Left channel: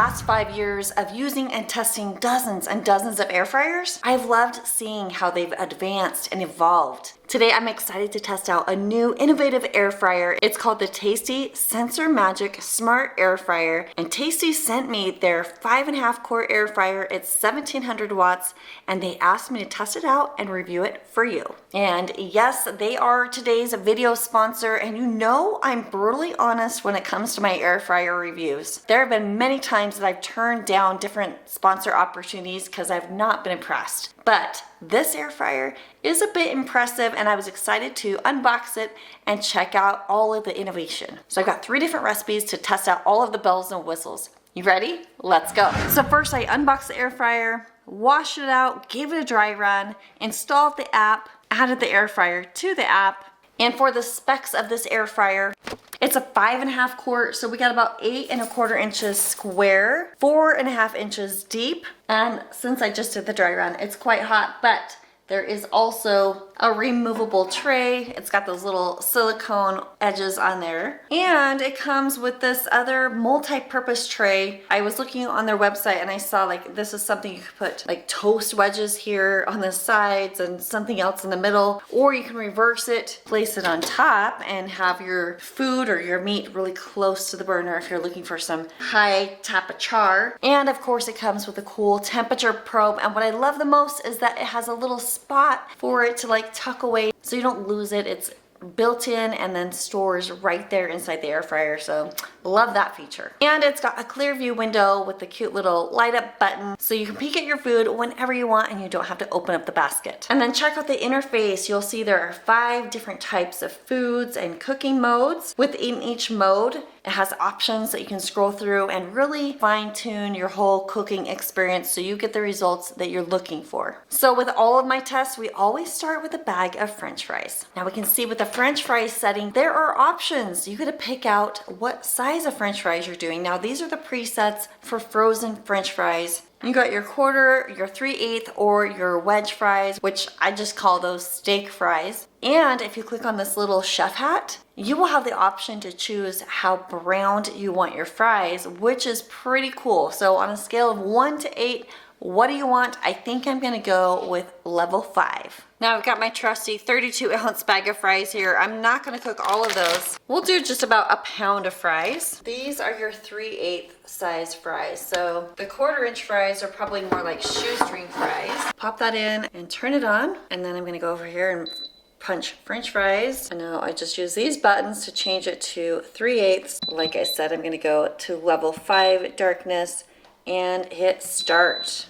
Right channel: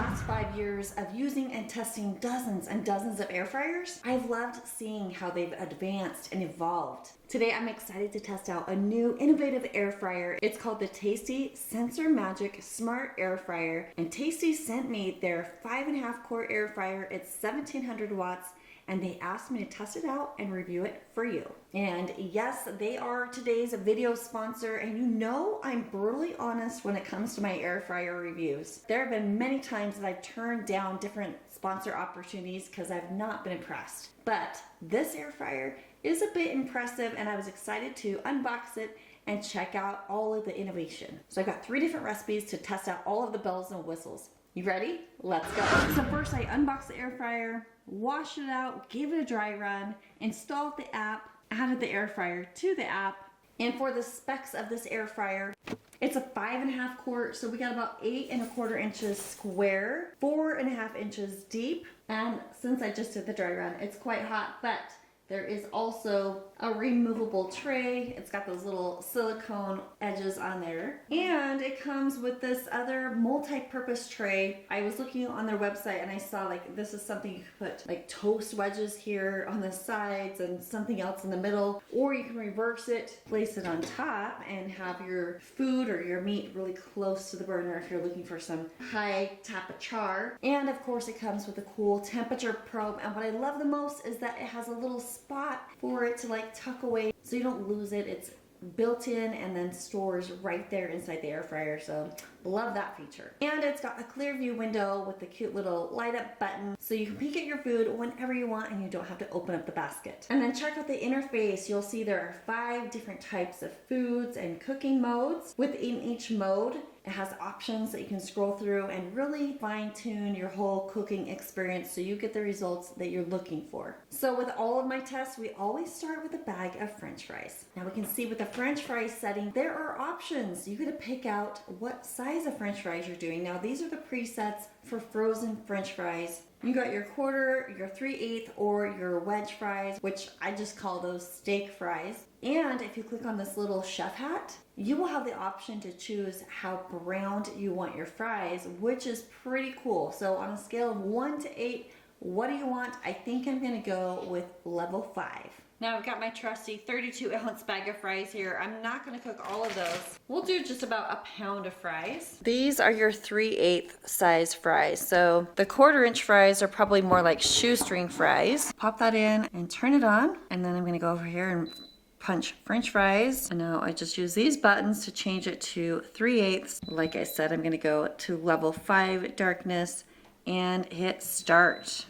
last 5 years of using and testing dozens and dozens of air fryers, I've loved seeing how they've advanced and evolved. Today I'm excited to test out a new innovative air fryer. It's called the Tastee Sensor Magic Smart Air Fryer, and Tastee sent me their 5.5 quart air fryer. It's 1700 watts, and they asked me to test it out and review it for you. And yes, they are today's video sponsor, and you know I'm brutally honest when it comes to my air fryer reviews. There have been many times that I've turned down different sponsor opportunities because I've not been impressed. But this air fryer is a bit impressive, and I was excited to unbox it and check out all of the innovation. So I've got 3 different recipes to test out all of the bells and whistles. You ready? Let's go. So first I unboxed the air fryer, washed it out, gave it a dry run, installed the app, added the air fryer to the app. And for the specs of this air fryer, it's a 5.5 quart, so we got about 8.25 inches square, 4.5 inches deep. And since I just did the dry run, it's quite hot, but there is also a removable tray. It's got those little silicone edges on there. And it comes with this other multi-purpose tray. I was looking on their website and I saw like this is something you could put like toast wedges here on the sides and something else in the middle. Or you can reverse it, place it on top and have your food or your meat really close to the burner if you're looking for some high temperature. And of course it comes with a cool temperature probe. And what I love the most is that it has a little spot for it to like tuck away so you don't lose it. It's built in and then stores right there inside the air fryer, so love that feature. And it's got a clear view window with the cute little light up button so you can peek at your food whenever you want and you don't have to open up the basket. And then check out the interface. You'll see there are 5 different types of foods and cooking modes. Within each mode it has options that you can scroll through and really fine tune your whole cooking experience so you get the results that you're looking for. So with all of my tests, we always start with a bag of French fries. Now we can see with the French fries setting, there are options. You get to pick out what size of French fries you're doing. Now these are the presets for frozen French fries. You got your quarter, your 3/8, or your wedge fries, which I just call those steak fries. And if you click on this little chef hat, you will have the option to choose how browned you want your fries, which is pretty cool. So on a scale of 1 to 8, what do you want? I think I'm gonna go with level 5. Now I've got my trusty 32-ounce bag of fries here. I'm not gonna cook all of those. We'll do just about a pound of fries. These are your 3/8 size fries. So the 1/4 inch fries are probably more like shoestring fries. Pop that in and turn it on. And then I'm gonna go over here and punch French fries. And now I just use these buttons to change it to 3/8. Like I said, I'm gonna go to level 5 darkness and hit start.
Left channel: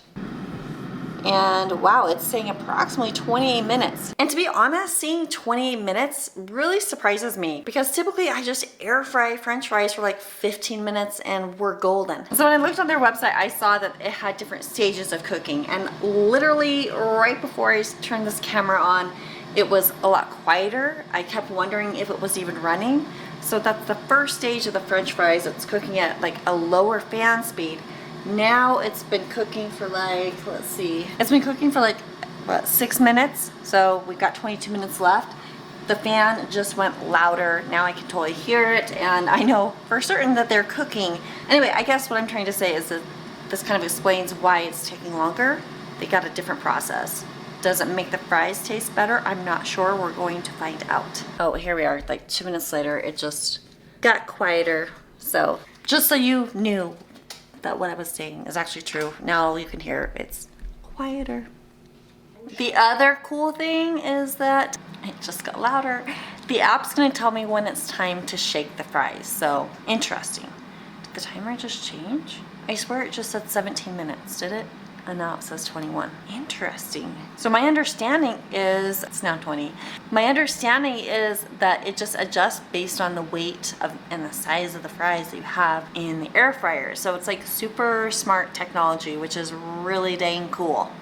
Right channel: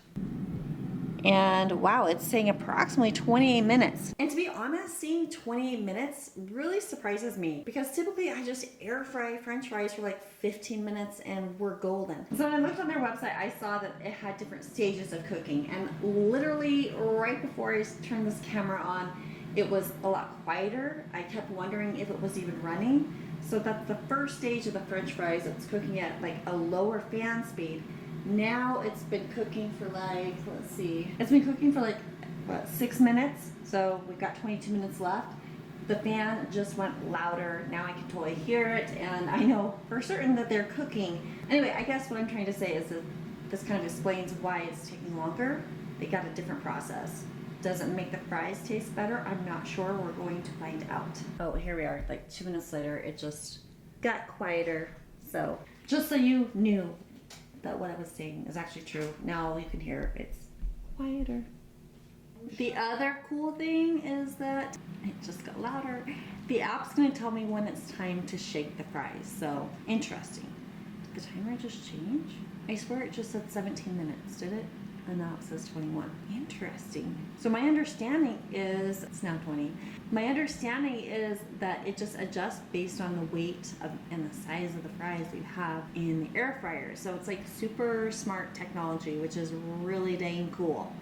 And wow, it's saying approximately 28 minutes. And to be honest, seeing 28 minutes really surprises me because typically I just air fry French fries for like 15 minutes and we're golden. So when I looked on their website, I saw that it had different stages of cooking, and literally right before I turned this camera on, it was a lot quieter. I kept wondering if it was even running. So that's the first stage of the French fries. It's cooking at like a lower fan speed. Now it's been cooking for like, let's see, it's been cooking for like, what, 6 minutes? So we've got 22 minutes left. The fan just went louder. Now I can totally hear it, and I know for certain that they're cooking. Anyway, I guess what I'm trying to say is that this kind of explains why it's taking longer. They got a different process. Does it make the fries taste better? I'm not sure. We're going to find out. Oh, here we are. Like 2 minutes later, it just got quieter. So just so you knew that what I was saying is actually true. Now you can hear it's quieter. The other cool thing is that it just got louder. The app's gonna tell me when it's time to shake the fries. So interesting. Did the timer just change? I swear it just said 17 minutes, did it? And now it says 21. Interesting. So my understanding is, it's now 20. My understanding is that it just adjusts based on the weight of and the size of the fries that you have in the air fryer. So it's like super smart technology, which is really dang cool.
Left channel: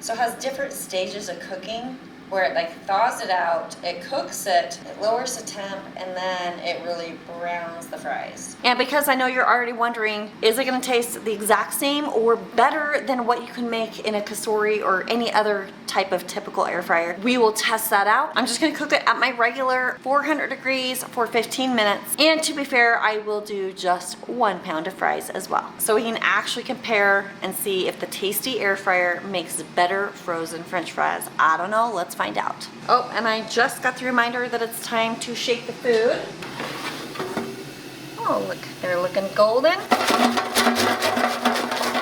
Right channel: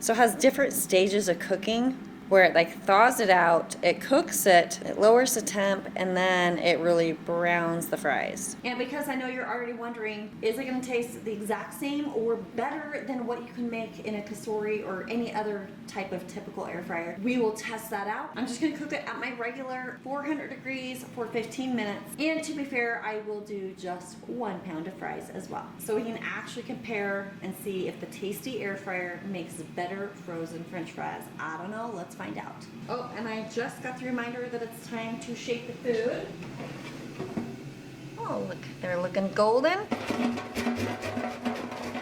So it has different stages of cooking. where it like thaws it out, it cooks it lowers the temp, and then it really browns the fries. And because I know you're already wondering, is it gonna taste the exact same or better than what you can make in a kasori or any other type of typical air fryer? We will test that out. I'm just gonna cook it at my regular 400 degrees for 15 minutes. And to be fair, I will do just 1 pound of fries as well. So we can actually compare and see if the Tastee air fryer makes better frozen French fries. I don't know, let's find out. Oh, and I just got the reminder that it's time to shake the food. Oh, look, they're looking golden.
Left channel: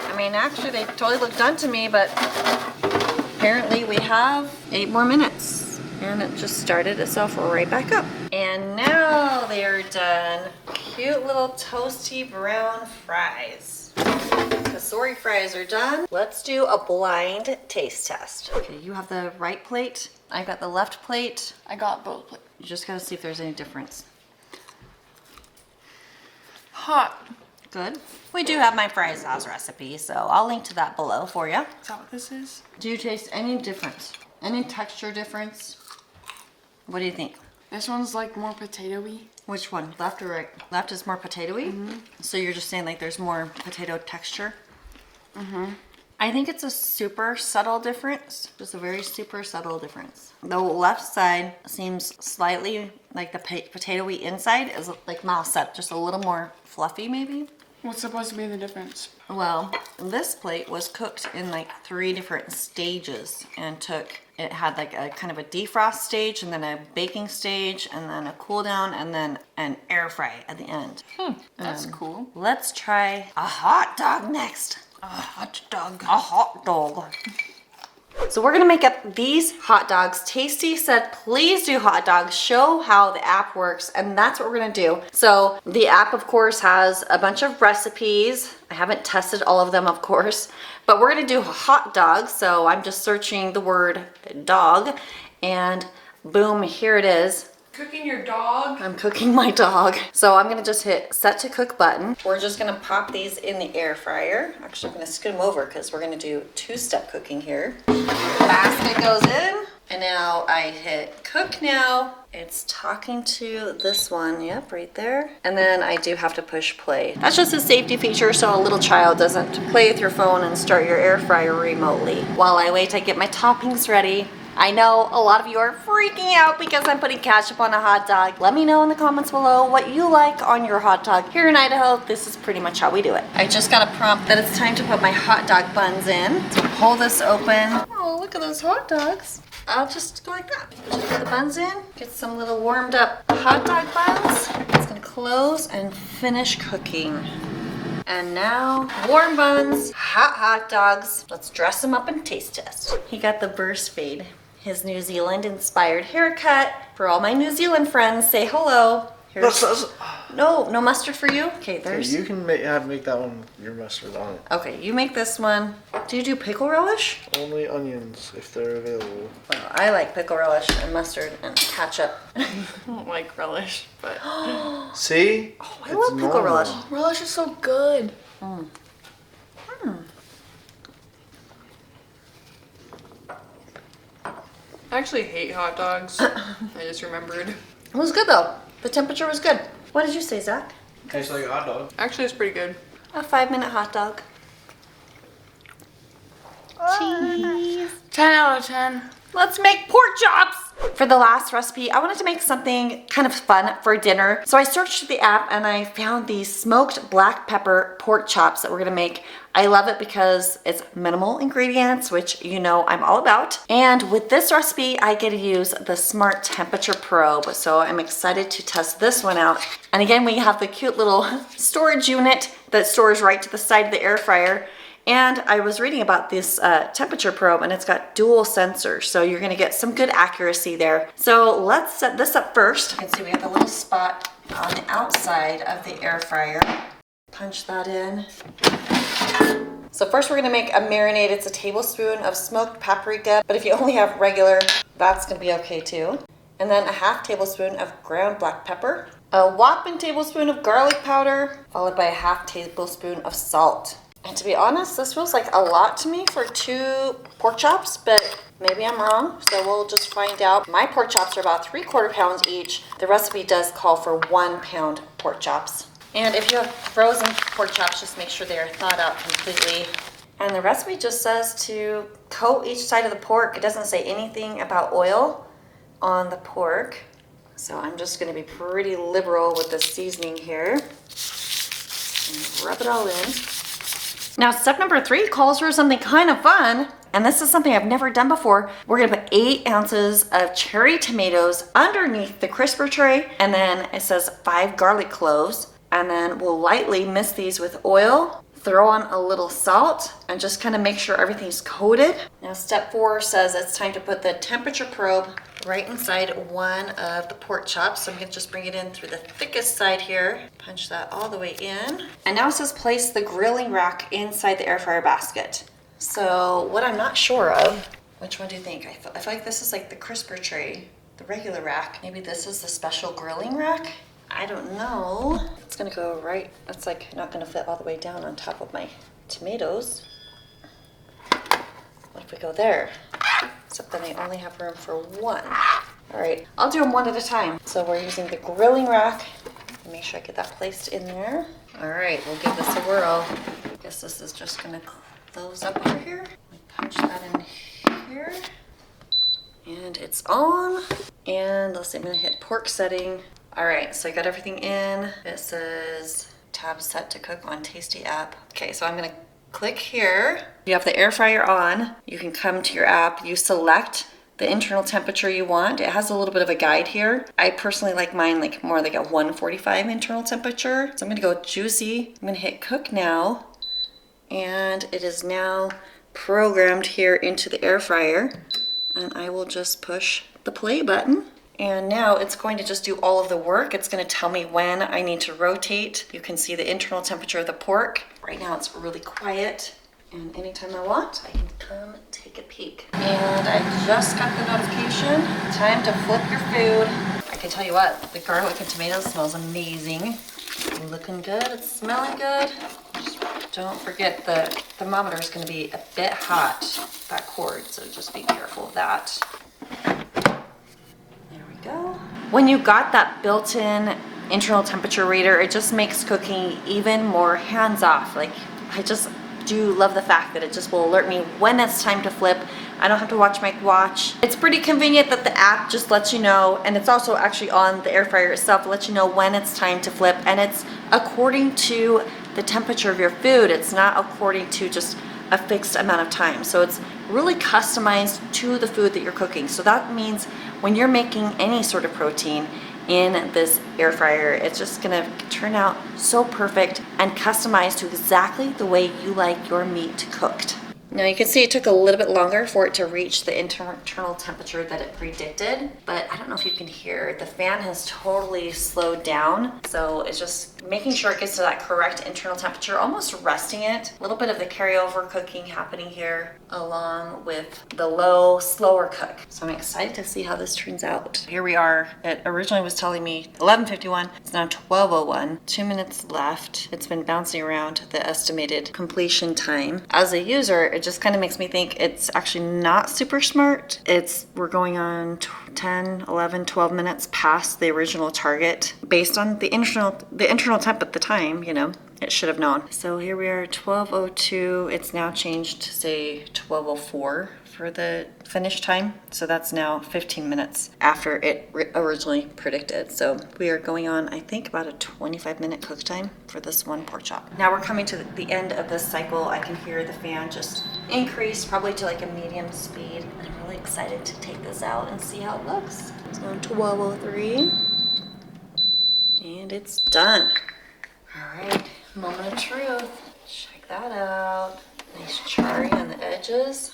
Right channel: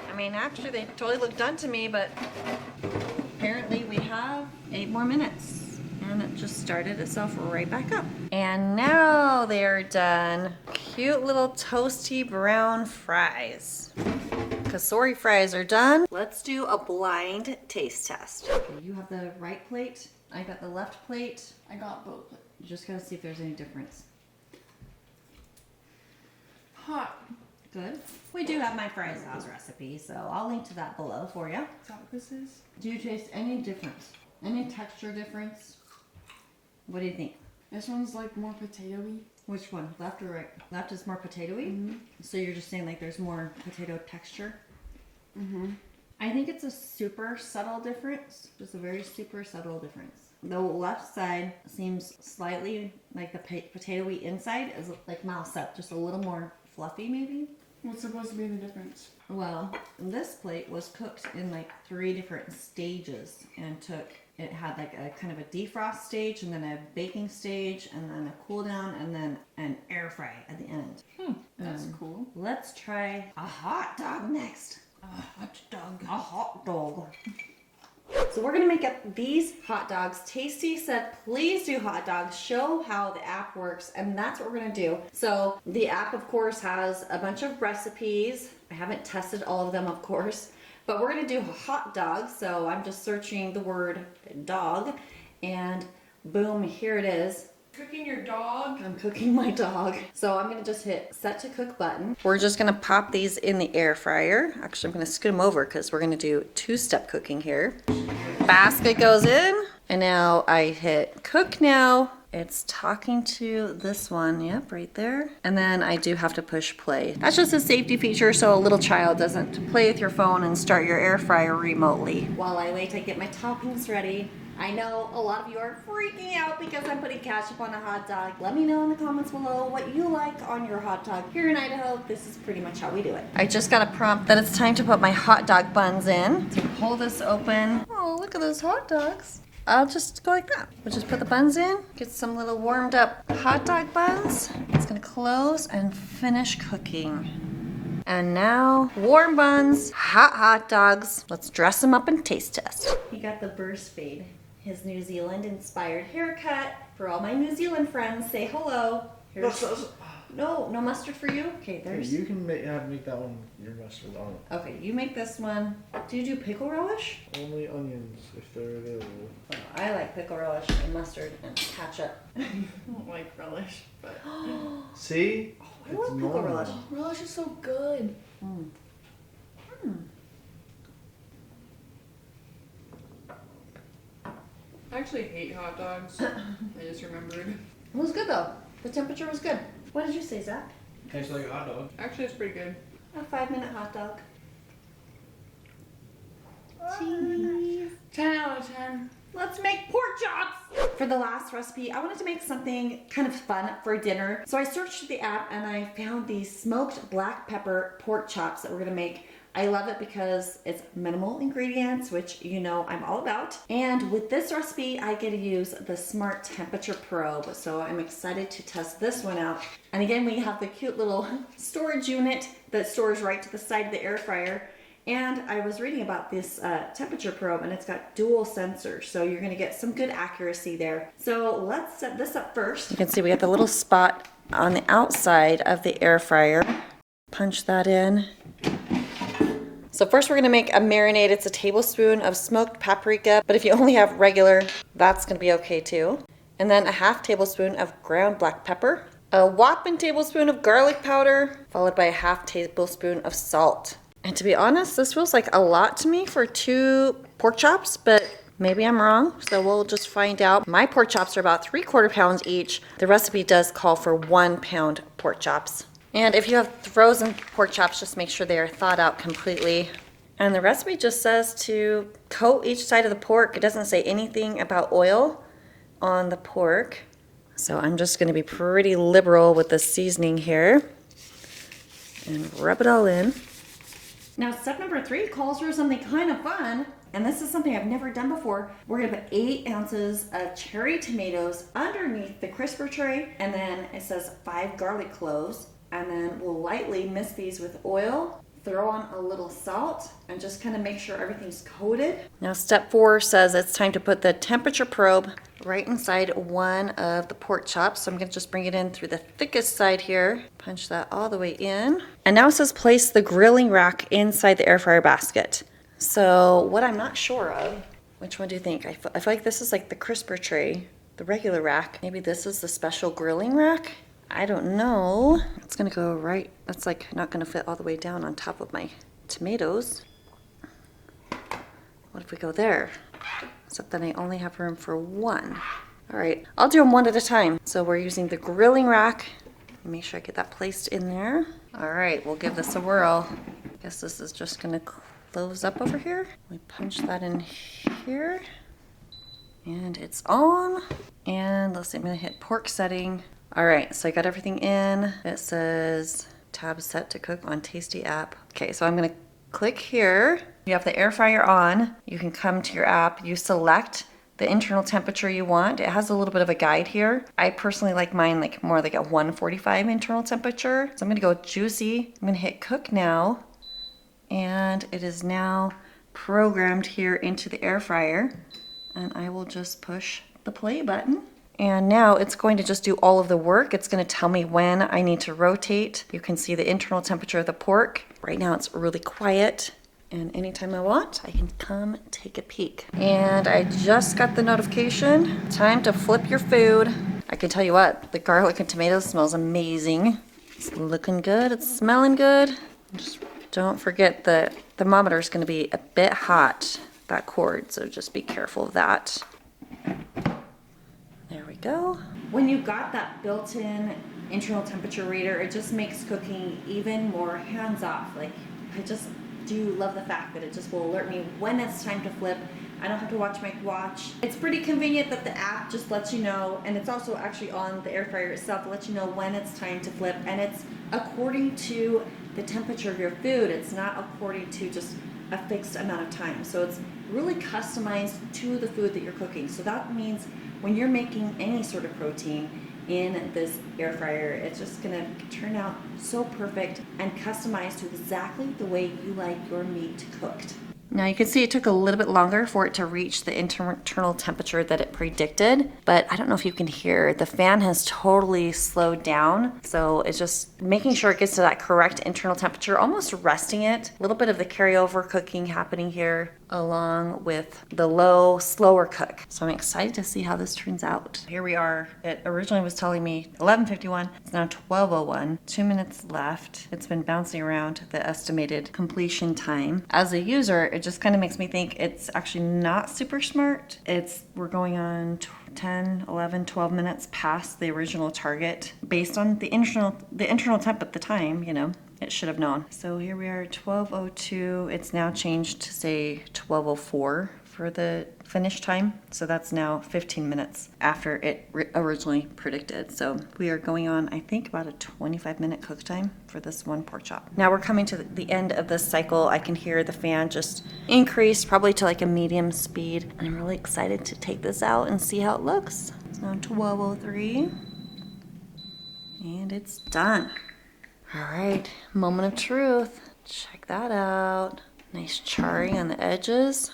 I mean, actually, they totally look done to me, but apparently we have 8 more minutes. And it just started itself right back up. And now they are done. Cute little toasty brown fries. Kasori fries are done. Let's do a blind taste test. Okay, you have the right plate. I got the left plate. I got both plates. You just gotta see if there's any difference. Hot. Good. We do have my fry sauce recipe, so I'll link to that below for you. Is that what this is? Do you taste any difference? Any texture difference? What do you think? This one's like more potato-y. Which one? Left or right? Left is more potato-y? Mm-hmm. So you're just saying like there's more potato texture? Mm-hmm. I think it's a super subtle difference. Just a very super subtle difference. The left side seems slightly like the potato-y inside is like Malsep, just a little more fluffy maybe. What's supposed to be the difference? Well, this plate was cooked in like 3 different stages and it had like a kind of a defrost stage and then a baking stage and then a cool down and then an air fry at the end. That's cool. Let's try a hot dog next. A hot dog. A hot dog. So we're gonna make up these hot dogs. Tastee said, please do hot dogs, show how the app works, and that's what we're gonna do. So the app, of course, has a bunch of recipes. I haven't tested all of them, of course, but we're gonna do hot dogs. So I'm just searching the word dog, and boom, here it is. Cooking your dog? I'm cooking my dog. So I'm gonna just hit set to cook button. We're just gonna pop these in the air fryer. Actually, I'm gonna skim over because we're gonna do 2-step cooking here. Basket goes in, and now I hit cook now. It's talking to this one, yep, right there. And then I do have to push play. That's just a safety feature so a little child doesn't play with your phone and start your air fryer remotely. While I wait, I get my toppings ready. I know a lot of you are freaking out because I'm putting ketchup on a hot dog. Let me know in the comments below what you like on your hot dog. Here in Idaho, this is pretty much how we do it. I just got a prompt that it's time to put my hot dog buns in. So pull this open. Oh, look at those hot dogs. I'll just go like that. We'll just put the buns in, get some little warmed up hot dog buns. It's gonna close and finish cooking. And now, warm buns, hot dogs. Let's dress them up and taste test. He got the burst fade. His New Zealand inspired haircut. For all my New Zealand friends, say hello. No mustard for you? Okay, there's... You can make that one your mustard on it. Okay, you make this one. Do you do pickle relish? Only onions if they're available. Well, I like pickle relish and mustard and ketchup. I don't like relish, but... See? Oh, I love pickle relish. Relish is so good. I actually hate hot dogs. I just remembered. It was good though. The temperature was good. What did you say, Zach? Tastes like a hot dog. Actually, it's pretty good. A 5-minute hot dog. Cheese. 10 out of 10. Let's make pork chops! For the last recipe, I wanted to make something kind of fun for dinner. So I searched the app and I found these smoked black pepper pork chops that we're gonna make. I love it because it's minimal ingredients, which you know I'm all about. And with this recipe, I get to use the Smart Temperature Probe. So I'm excited to test this one out. And again, we have the cute little storage unit that stores right to the side of the air fryer. And I was reading about this temperature probe and it's got dual sensors. So you're gonna get some good accuracy there. So let's set this up first. You can see we got the little spot on the outside of the air fryer. Punch that in. So first we're gonna make a marinade. It's a tablespoon of smoked paprika, but if you only have regular, that's gonna be okay too. And then a half tablespoon of ground black pepper, a whopping tablespoon of garlic powder, followed by a half tablespoon of salt. And to be honest, this feels like a lot to me for 2 pork chops, but maybe I'm wrong, so we'll just find out. My pork chops are about 3/4 pounds each. The recipe does call for 1 pound pork chops. And if you have frozen pork chops, just make sure they are thawed out completely. And the recipe just says to coat each side of the pork. It doesn't say anything about oil on the pork. So I'm just gonna be pretty liberal with the seasoning here and rub it all in. Now, step number 3 calls for something kind of fun, and this is something I've never done before. We're gonna put 8 ounces of cherry tomatoes underneath the crisper tray, and then it says 5 garlic cloves, and then we'll lightly mist these with oil, throw on a little salt, and just kind of make sure everything's coated. Now, step 4 says it's time to put the temperature probe right inside one of the pork chops. So I'm gonna just bring it in through the thickest side here, punch that all the way in. And now it says place the grilling rack inside the air fryer basket. So what I'm not sure of, which one do you think? I feel like this is like the crisper tray, the regular rack. Maybe this is the special grilling rack? I don't know. It's gonna go right, that's like not gonna fit all the way down on top of my tomatoes. What if we go there? Except then we only have room for 1. All right, I'll do them one at a time. So we're using the grilling rack. Make sure I get that placed in there. All right, we'll give this a whirl. Guess this is just gonna close up over here. We punch that in here. And it's on. And let's see, I'm gonna hit pork setting. All right, so I got everything in. It says tab set to cook on Tastee app. Okay, so I'm gonna click here. You have the air fryer on. You can come to your app. You select the internal temperature you want. It has a little bit of a guide here. I personally like mine like more like a 145 internal temperature. So I'm gonna go juicy. I'm gonna hit cook now. And it is now programmed here into the air fryer. And I will just push the play button. And now it's going to just do all of the work. It's going to tell me when I need to rotate. You can see the internal temperature of the pork. Right now it's really quiet. And anytime I want, I can come take a peek. And I just got the notification. Time to flip your food. I can tell you what, the garlic and tomatoes smells amazing. It's looking good, it's smelling good. Don't forget the thermometer is going to be a bit hot, that cord, so just be careful of that. Go. When you got that built-in internal temperature reader, it just makes cooking even more hands-off. Like, I just do love the fact that it just will alert me when it's time to flip. I don't have to watch my watch. It's pretty convenient that the app just lets you know, and it's also actually on the air fryer itself, lets you know when it's time to flip, and it's according to the temperature of your food. It's not according to just a fixed amount of time. So it's really customized to the food that you're cooking. So that means when you're making any sort of protein in this air fryer, it's just gonna turn out so perfect and customized to exactly the way you like your meat cooked. Now you can see it took a little bit longer for it to reach the internal temperature that it predicted, but I don't know if you can hear, the fan has totally slowed down. So it's just making sure it gets to that correct internal temperature, almost resting it. A little bit of the carryover cooking happening here along with the low, slower cook. So I'm excited to see how this turns out. Here we are. It originally was telling me 11:51. It's now 12:01. 2 minutes left. It's been bouncing around the estimated completion time. As a user, it just kind of makes me think it's actually not super smart. We're going on 10, 11, 12 minutes past the original target based on the internal temp at the time, you know. It should have known. So here we are, 12:02. It's now changed to say 12:04 for the finish time. So that's now 15 minutes after it originally predicted. So we are going on, I think, about a 25-minute cook time for this one pork chop. Now we're coming to the end of this cycle. I can hear the fan just increase, probably to like a medium speed. And I'm really excited to take this out and see how it looks. It's on 12:03. And it's done. All right, moment of truth. Check that out. Nice charry on the edges.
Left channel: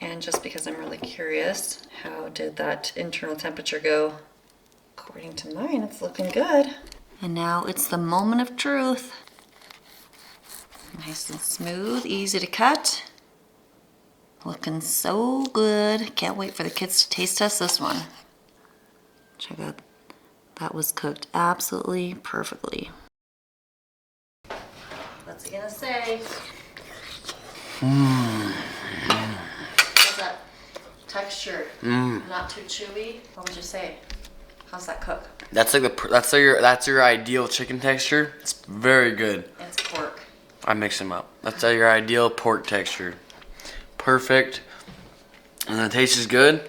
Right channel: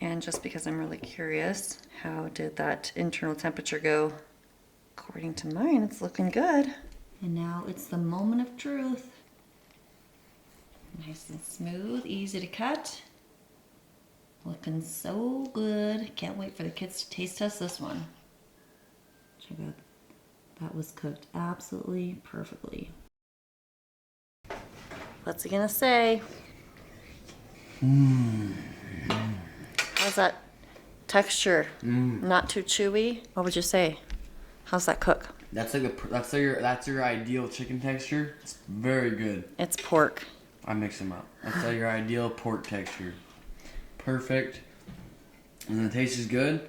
And just because I'm really curious, how did that internal temperature go? According to mine, it's looking good. And now it's the moment of truth. Nice and smooth, easy to cut. Looking so good. Can't wait for the kids to taste test this one. Check out, that was cooked absolutely perfectly. What's he gonna say? How's that texture? Not too chewy? What would you say? How's that cook? That's like that's your ideal chicken texture. It's very good. It's pork. I mix them up. That's your ideal pork texture. Perfect. And the taste is good.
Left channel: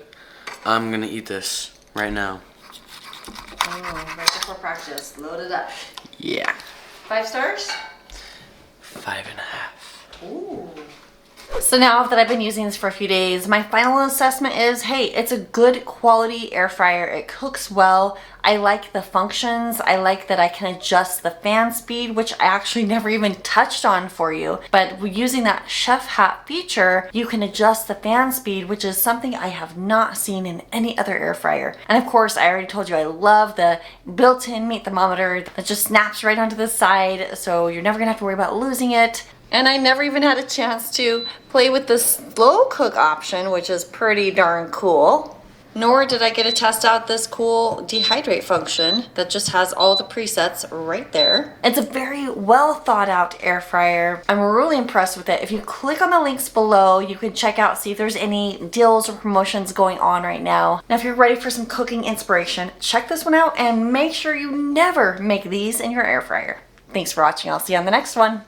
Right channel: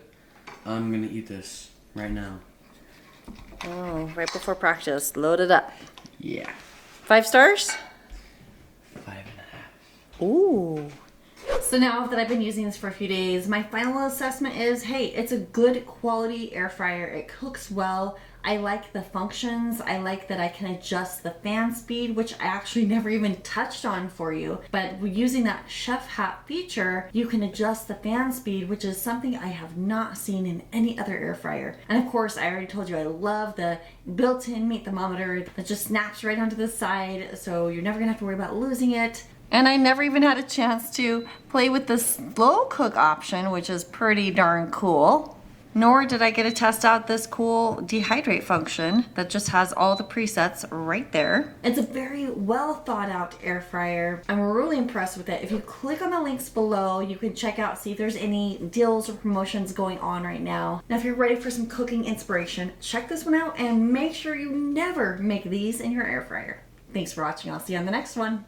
I'm gonna eat this right now. Oh, right before practice. Load it up. Yeah. 5 stars? 5.5. Ooh. So now that I've been using this for a few days, my final assessment is, hey, it's a good quality air fryer. It cooks well. I like the functions. I like that I can adjust the fan speed, which I actually never even touched on for you. But using that chef hat feature, you can adjust the fan speed, which is something I have not seen in any other air fryer. And of course, I already told you I love the built-in meat thermometer that just snaps right onto the side, so you're never gonna have to worry about losing it. And I never even had a chance to play with the slow cook option, which is pretty darn cool. Nor did I get to test out this cool dehydrate function that just has all the presets right there. It's a very well thought out air fryer. I'm really impressed with it. If you click on the links below, you can check out, see if there's any deals or promotions going on right now. Now, if you're ready for some cooking inspiration, check this one out and make sure you never make these in your air fryer. Thanks for watching. I'll see you on the next one.